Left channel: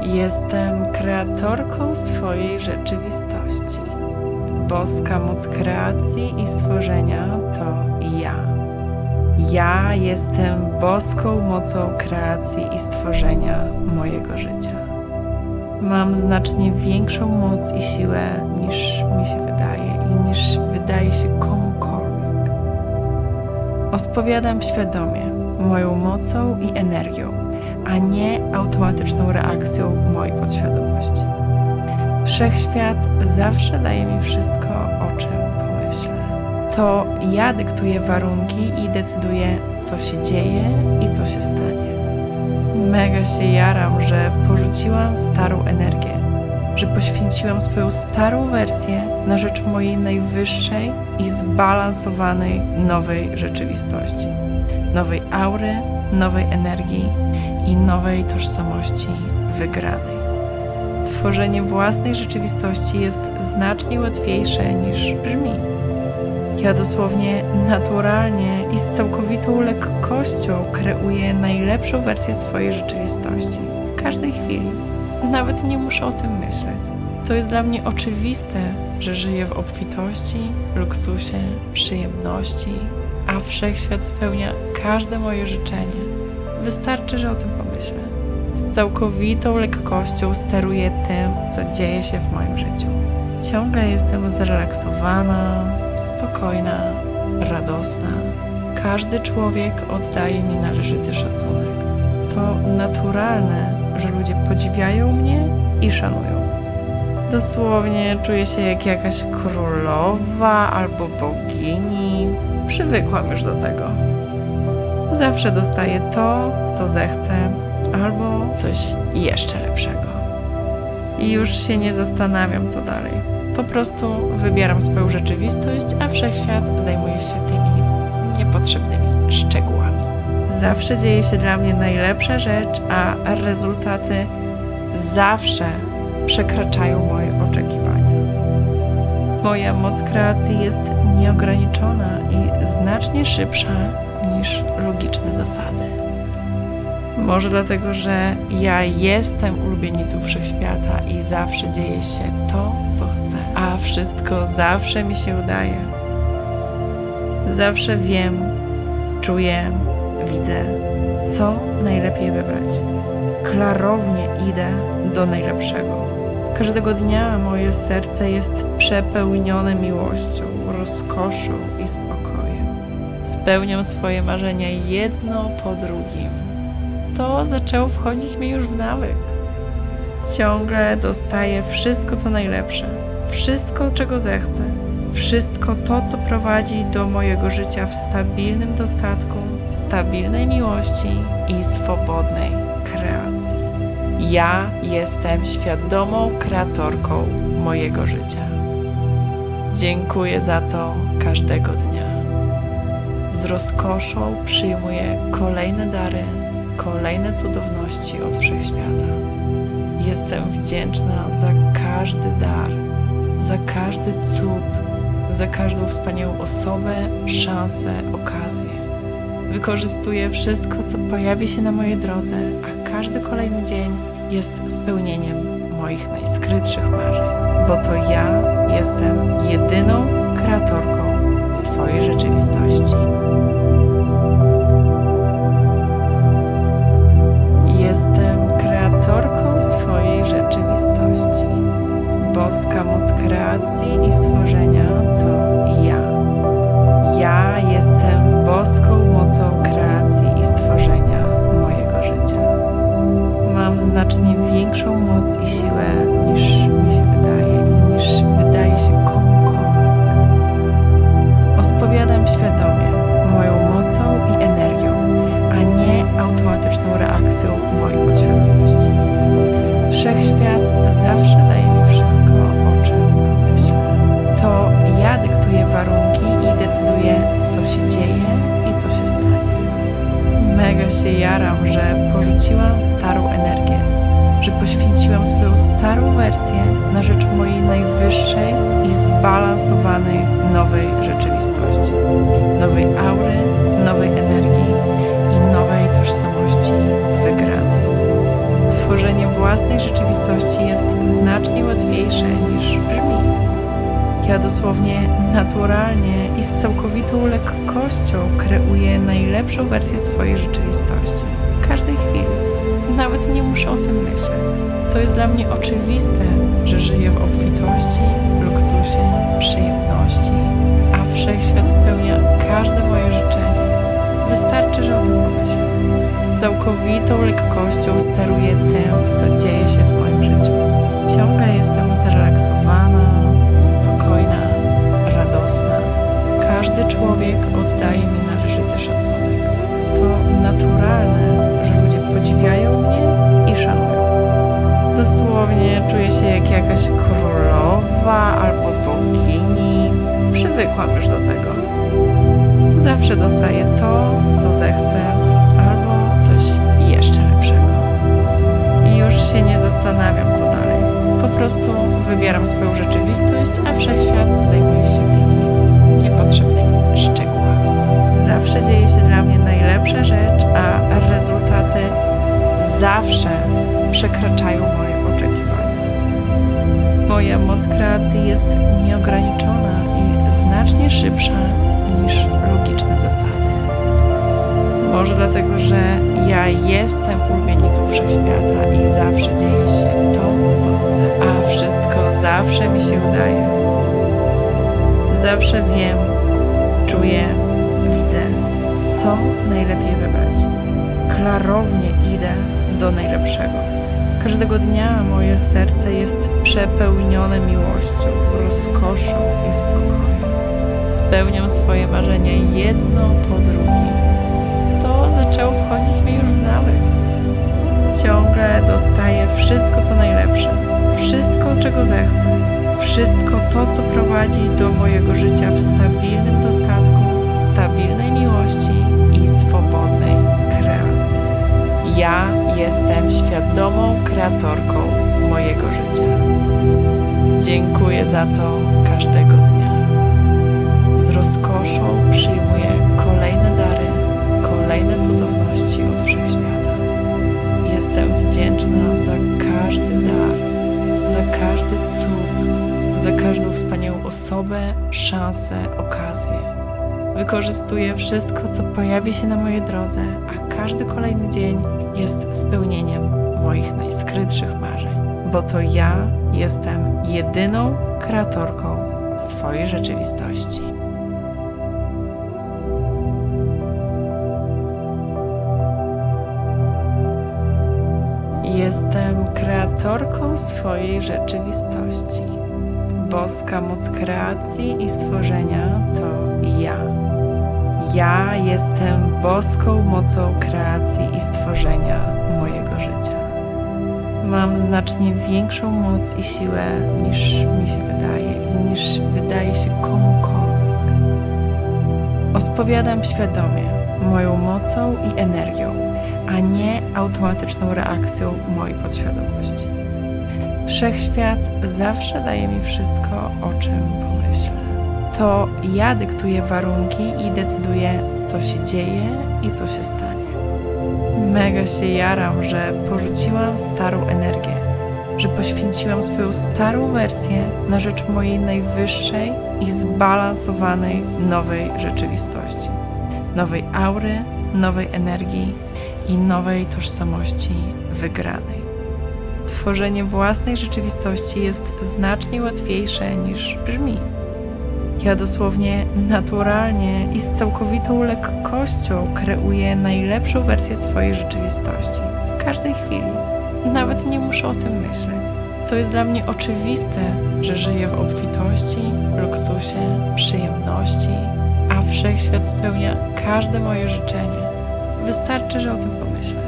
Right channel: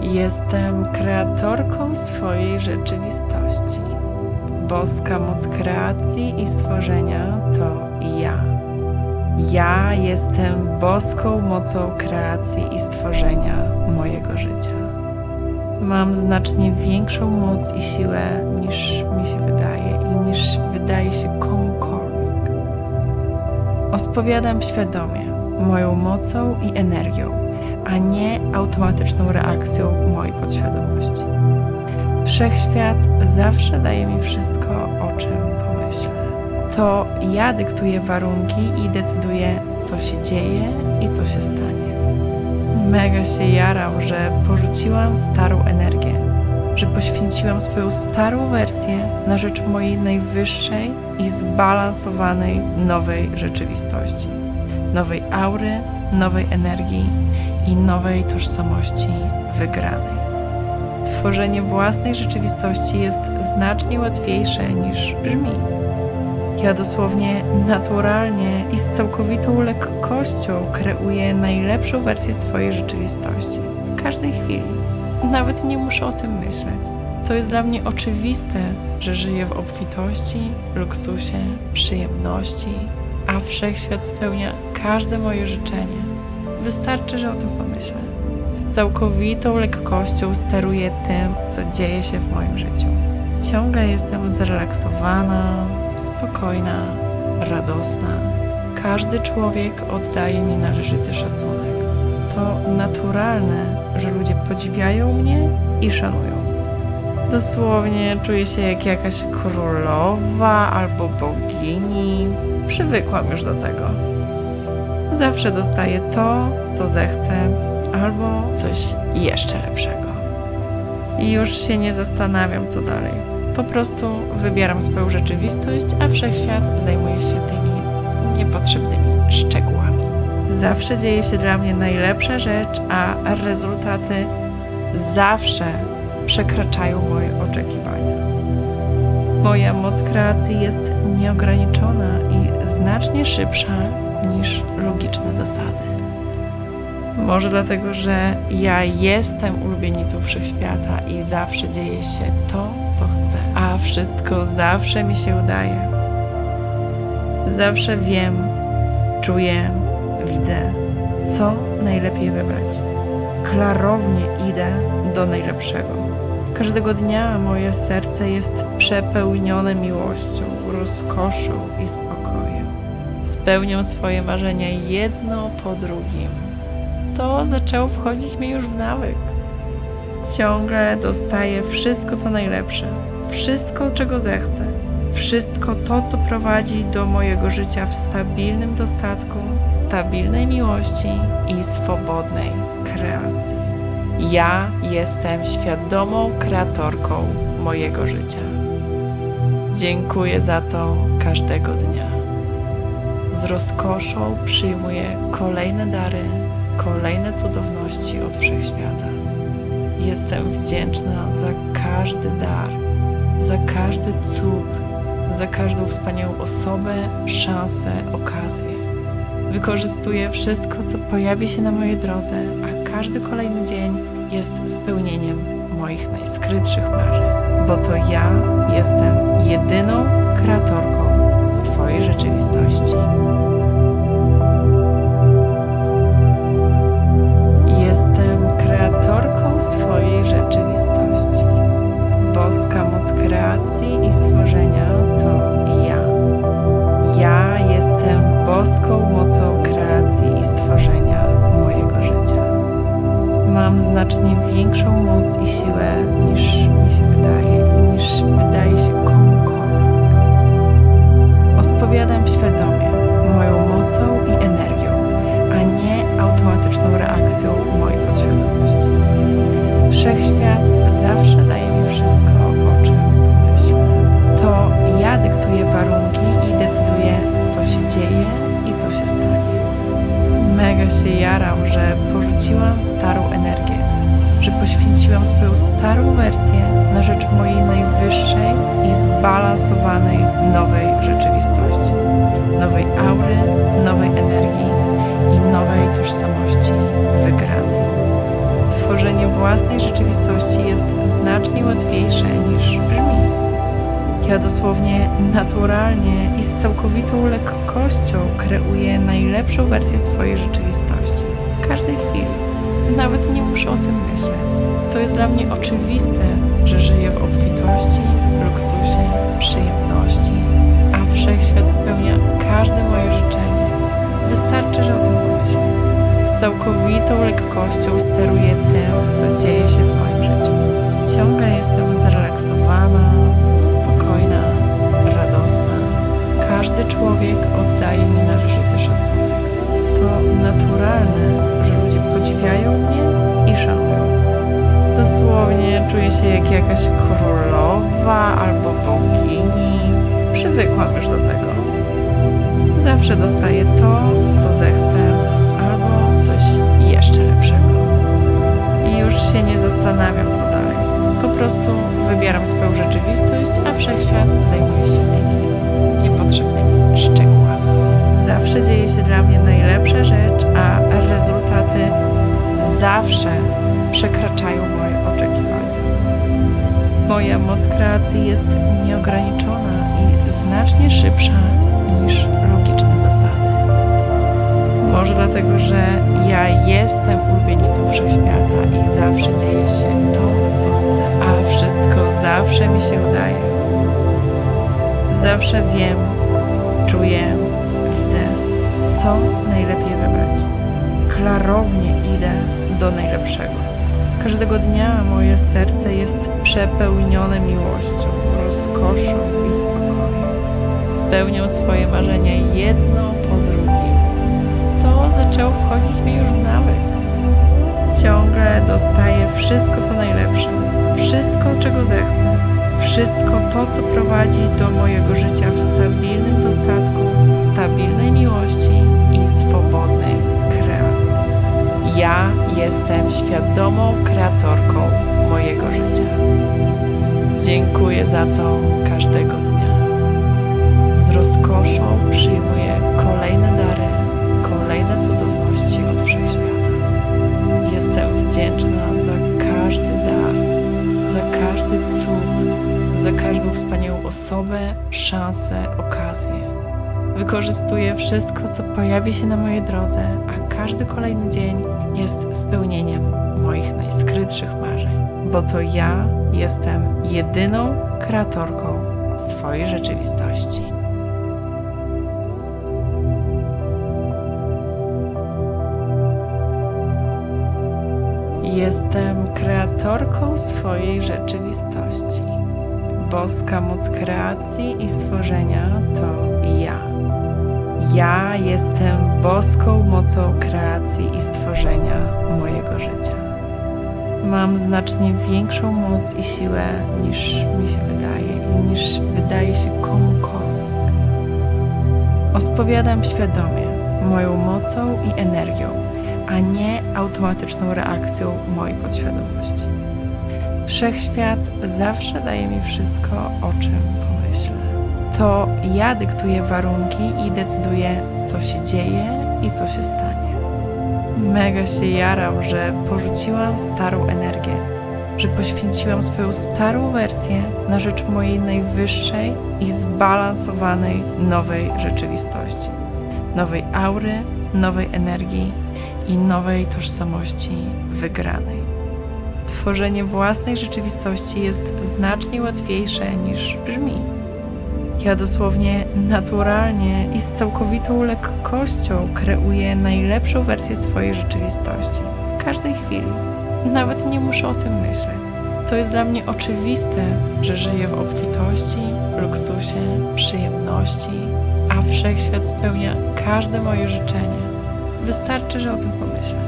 Jestem kreatorką swojej rzeczywistości. Boska moc kreacji i stworzenia to ja. Ja jestem boską mocą kreacji i stworzenia mojego życia. Mam znacznie większą moc i siłę niż mi się wydaje i niż wydaje się komukolwiek. Odpowiadam świadomie, moją mocą i energią, a nie automatyczną reakcją mojej podświadomości. Wszechświat zawsze daje mi wszystko, o czym pomyślę. To ja dyktuję warunki i decyduję, co się dzieje i co się stanie. Mega się jaram, że porzuciłam starą energię, że poświęciłam swoją starą wersję na rzecz mojej najwyższej i zbalansowanej nowej rzeczywistości, nowej aury, nowej energii i nowej tożsamości wygranej. Tworzenie własnej rzeczywistości jest znacznie łatwiejsze niż brzmi. Ja dosłownie naturalnie i z całkowitą lekkością kreuję najlepszą wersję swojej rzeczywistości. W każdej chwili. Nawet nie muszę o tym myśleć. To jest dla mnie oczywiste, że żyję w obfitości, luksusie, przyjemności, a wszechświat spełnia każde moje życzenie. Wystarczy, że o tym pomyślę. Z całkowitą lekkością steruję tym, co dzieje się w moim życiu. Ciągle jestem zrelaksowana, spokojna, radosna. Każdy człowiek oddaje mi należyty szacunek. To naturalne, że ludzie podziwiają mnie i szanują. Dosłownie czuję się jak jakaś królowa albo bogini. Przywykłam już do tego. Zawsze dostaję to, co zechcę, albo coś jeszcze lepszego. I już się nie zastanawiam, co dalej. Po prostu wybieram swoją rzeczywistość, a wszechświat zajmuje się tymi niepotrzebnymi szczegółami. Zawsze dzieje się dla mnie najlepsza rzecz, a rezultaty zawsze przekraczają moje oczekiwania. Moja moc kreacji jest nieograniczona i znacznie szybsza niż logiczne zasady. Może dlatego, że ja jestem ulubienicą wszechświata i zawsze dzieje się to, co chcę, a wszystko zawsze mi się udaje. Zawsze wiem, czuję, widzę, co najlepiej wybrać. Klarownie idę do najlepszego. Każdego dnia moje serce jest przepełnione miłością, rozkoszą i spokojem. Spełniam swoje marzenia jedno po drugim to zaczęło wchodzić mi już w nawyk. Ciągle dostaję wszystko, co najlepsze, wszystko, czego zechcę, wszystko to, co prowadzi do mojego życia w stabilnym dostatku, stabilnej miłości i swobodnej kreacji. Ja jestem świadomą kreatorką mojego życia. Dziękuję za to każdego dnia. Z rozkoszą przyjmuję kolejne dary kolejne cudowności od wszechświata. Jestem wdzięczna za każdy dar, za każdy cud, za każdą wspaniałą osobę, szansę, okazję. Wykorzystuję wszystko, co pojawi się na mojej drodze, a każdy kolejny dzień jest spełnieniem moich najskrytszych marzeń, bo to ja jestem jedyną kreatorką swojej rzeczywistości. Jestem kreatorką swojej rzeczywistości. Boska moc kreacji i stworzenia to. Ja jestem boską mocą kreacji i stworzenia mojego życia. Mam znacznie większą moc i siłę niż mi się wydaje i niż wydaje się komukolwiek. Odpowiadam świadomie, moją mocą i energią, a nie automatyczną reakcją mojej podświadomości. Wszechświat zawsze daje mi wszystko, o czym. To ja dyktuję warunki i decyduję, co się dzieje i co się stanie. Mega się jaram, że porzuciłam starą energię, że poświęciłam swoją starą wersję na rzecz mojej najwyższej i zbalansowanej nowej rzeczywistości, nowej aury, nowej energii i nowej tożsamości wygranej. Tworzenie własnej rzeczywistości jest znacznie łatwiejsze niż brzmi. Ja dosłownie naturalnie i z całkowitą lekkością kreuję najlepszą wersję swojej rzeczywistości w każdej chwili. Nawet nie muszę o tym myśleć. To jest dla mnie oczywiste, że żyję w obfitości, luksusie, przyjemności, a wszechświat spełnia każde moje życzenie. Wystarczy, że o tym pomyślę. Z całkowitą lekkością steruję tym, co dzieje się w moim życiu. Ciągle jestem zrelaksowana, spokojna, radosna. Każdy człowiek oddaje mi należyty szacunek. To naturalne, że ludzie podziwiają mnie i szanują. Dosłownie czuję się jak jakaś królowa albo bogini. Przywykłam już do tego. Zawsze dostaję to, co zechcę, się nie zastanawiam, co dalej. Po prostu wybieram swoją rzeczywistość, a wszechświat zajmuje się tymi niepotrzebnymi szczegółami. Zawsze dzieje się dla mnie najlepsza rzecz, a rezultaty zawsze przekraczają moje oczekiwania. Moja moc kreacji jest nieograniczona i znacznie szybsza niż logiczne zasady. Może dlatego, że ja jestem ulubienicą wszechświata i zawsze dzieje się to, co chcę, a wszystko zawsze mi się udaje. Zawsze wiem, czuję, widzę, co najlepiej wybrać. Klarownie idę do najlepszego. Każdego dnia moje serce jest przepełnione miłością, rozkoszą i spokojem. Spełniam swoje marzenia jedno po drugim. Zaczęło wchodzić mi już w nawyk. Ciągle dostaję wszystko, co najlepsze, wszystko, czego zechcę, wszystko to, co prowadzi do mojego życia w stabilnym dostatku, stabilnej miłości i swobodnej kreacji. Ja jestem świadomą kreatorką mojego życia. Dziękuję za to każdego dnia. Z rozkoszą przyjmuję kolejne dary, kolejne cudowności od wszechświata. Jestem wdzięczna za każdy dar, za każdy cud, za każdą wspaniałą osobę, szansę, okazję. Wykorzystuję wszystko, co pojawi się na mojej drodze, a każdy kolejny dzień jest spełnieniem moich najskrytszych marzeń, bo to ja jestem jedyną kreatorką swojej rzeczywistości. Jestem kreatorką swojej rzeczywistości. Boska moc kreacji i stworzenia to ja. Ja jestem boską mocą kreacji i stworzenia mojego życia. Mam znacznie większą moc i siłę niż mi się wydaje i niż wydaje się komukolwiek. Odpowiadam świadomie moją mocą i energią, a nie automatyczną reakcją mojej podświadomości. Wszechświat zawsze daje mi wszystko, o czym pomyślę. To ja dyktuję warunki i decyduję, co się dzieje i co się stanie. Mega się jaram, że porzuciłam starą energię, że poświęciłam swoją starą wersję na rzecz mojej najwyższej i zbalansowanej nowej rzeczywistości, nowej aury, nowej energii i nowej tożsamości wygranej. Tworzenie własnej rzeczywistości jest znacznie łatwiejsze niż brzmi. Ja dosłownie naturalnie i z całkowitą lekkością kreuję najlepszą wersję swojej rzeczywistości w każdej chwili. Nawet nie muszę o tym myśleć. To jest dla mnie oczywiste, że żyję w obfitości, luksusie, przyjemności, a wszechświat spełnia każde moje życzenie. Wystarczy, że o tym pomyślę.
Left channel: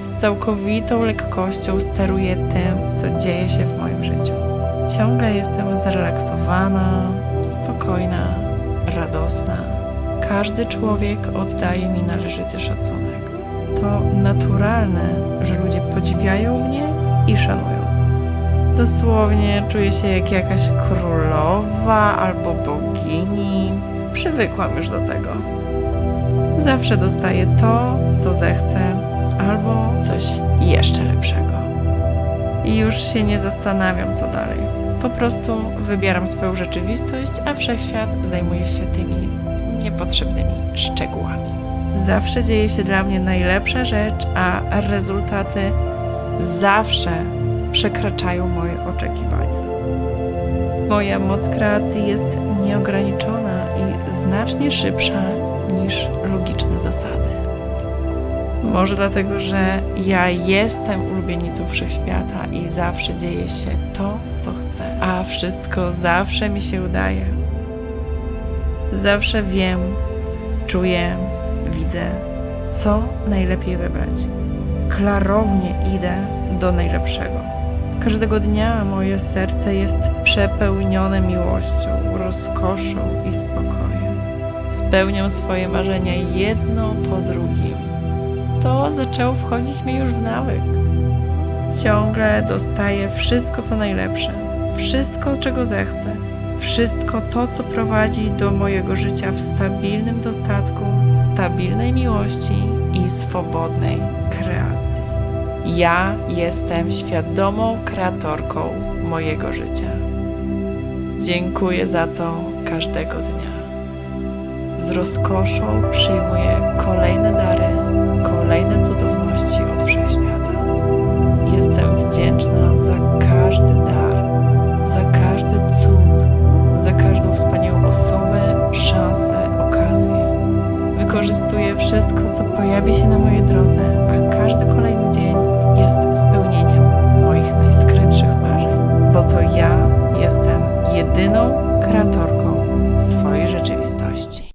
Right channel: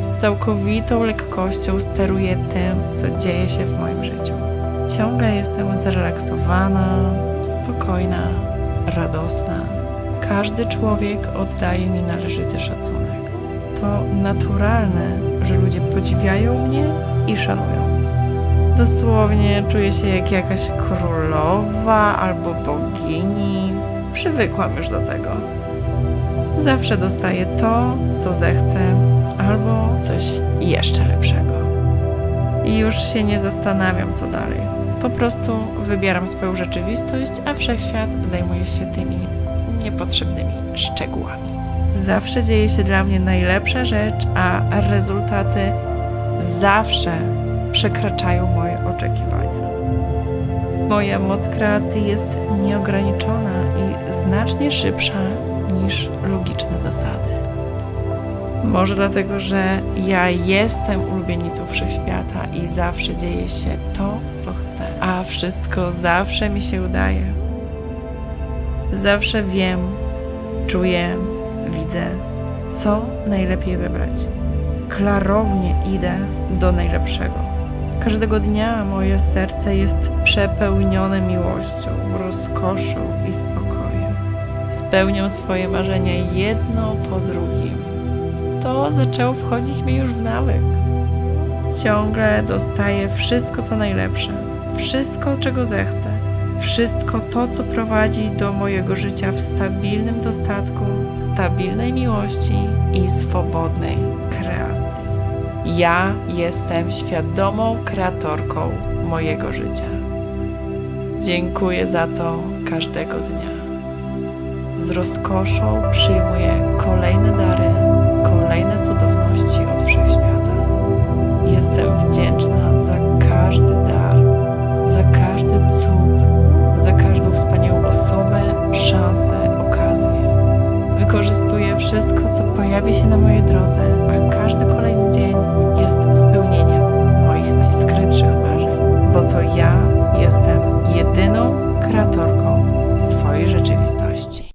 Z całkowitą lekkością steruję tym, co dzieje się w moim życiu. Ciągle jestem zrelaksowana, spokojna, radosna. Każdy człowiek oddaje mi należyty szacunek. To naturalne, że ludzie podziwiają mnie i szanują. Dosłownie czuję się jak jakaś królowa albo bogini. Przywykłam już do tego. Zawsze dostaję to, co zechcę, albo coś jeszcze lepszego. i już się nie zastanawiam, co dalej. Po prostu wybieram swoją rzeczywistość, a wszechświat zajmuje się tymi niepotrzebnymi szczegółami. Zawsze dzieje się dla mnie najlepsza rzecz, a rezultaty zawsze przekraczają moje oczekiwania. Moja moc kreacji jest nieograniczona i znacznie szybsza niż logiczne zasady. Może dlatego, że ja jestem ulubienicą wszechświata i zawsze dzieje się to, co chcę, a wszystko zawsze mi się udaje. Zawsze wiem, czuję, widzę, co najlepiej wybrać. Klarownie idę do najlepszego. Każdego dnia moje serce jest przepełnione miłością, rozkoszą i spokojem. Spełniam swoje marzenia jedno po drugim. To zaczęło wchodzić mi już w nawyk. Ciągle dostaję wszystko, co najlepsze, wszystko, czego zechcę, wszystko to, co prowadzi do mojego życia w stabilnym dostatku, stabilnej miłości i swobodnej kreacji. Ja jestem świadomą kreatorką mojego życia. Dziękuję za to każdego dnia. Z rozkoszą przyjmuję kolejne dary, kolejne cudowności od wszechświata. Jestem wdzięczna za każdy dar, za każdy cud, za każdą wspaniałą osobę, szansę, okazję. Wykorzystuję wszystko, co pojawi się na mojej drodze, a każdy kolejny dzień jest spełnieniem moich najskrytszych marzeń, bo to ja jestem jedyną kreatorką swojej rzeczywistości.